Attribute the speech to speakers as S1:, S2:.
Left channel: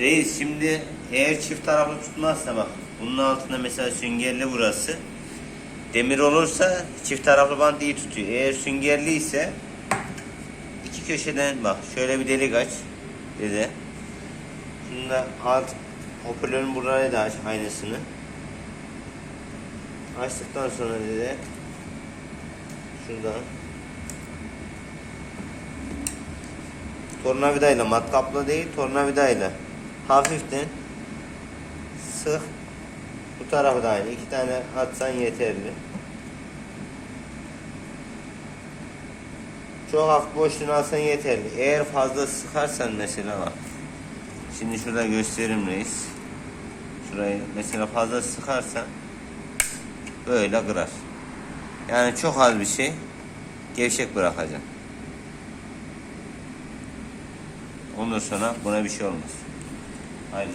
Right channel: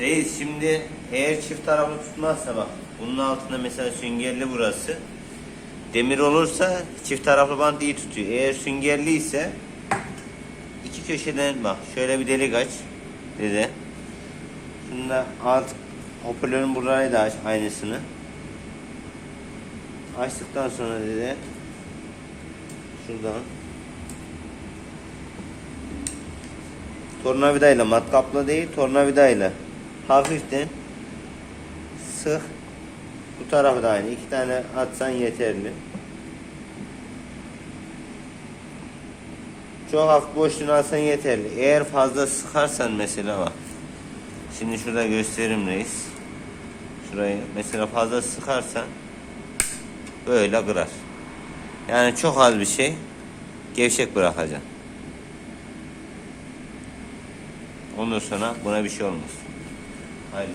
S1: Reis şimdi eğer çift taraflı tutmazsa bak bunun altında mesela süngerli burası. Demir olursa çift taraflı bant iyi tutuyor. Eğer süngerli ise iki köşeden bak şöyle bir delik aç dede. Bunda alt hoparlörün burayı da aç aynısını. Açtıktan sonra dede şuradan tornavidayla matkapla değil tornavidayla hafiften sık bu tarafı da aynı iki tane atsan yeterli. Çok hafif boşluğunu alsan yeterli. Eğer fazla sıkarsan mesela bak şimdi şurada göstereyim reis. Şurayı mesela fazla sıkarsan böyle kırar. Yani çok az bir şey gevşek bırakacaksın Ondan sonra buna bir şey olmaz. I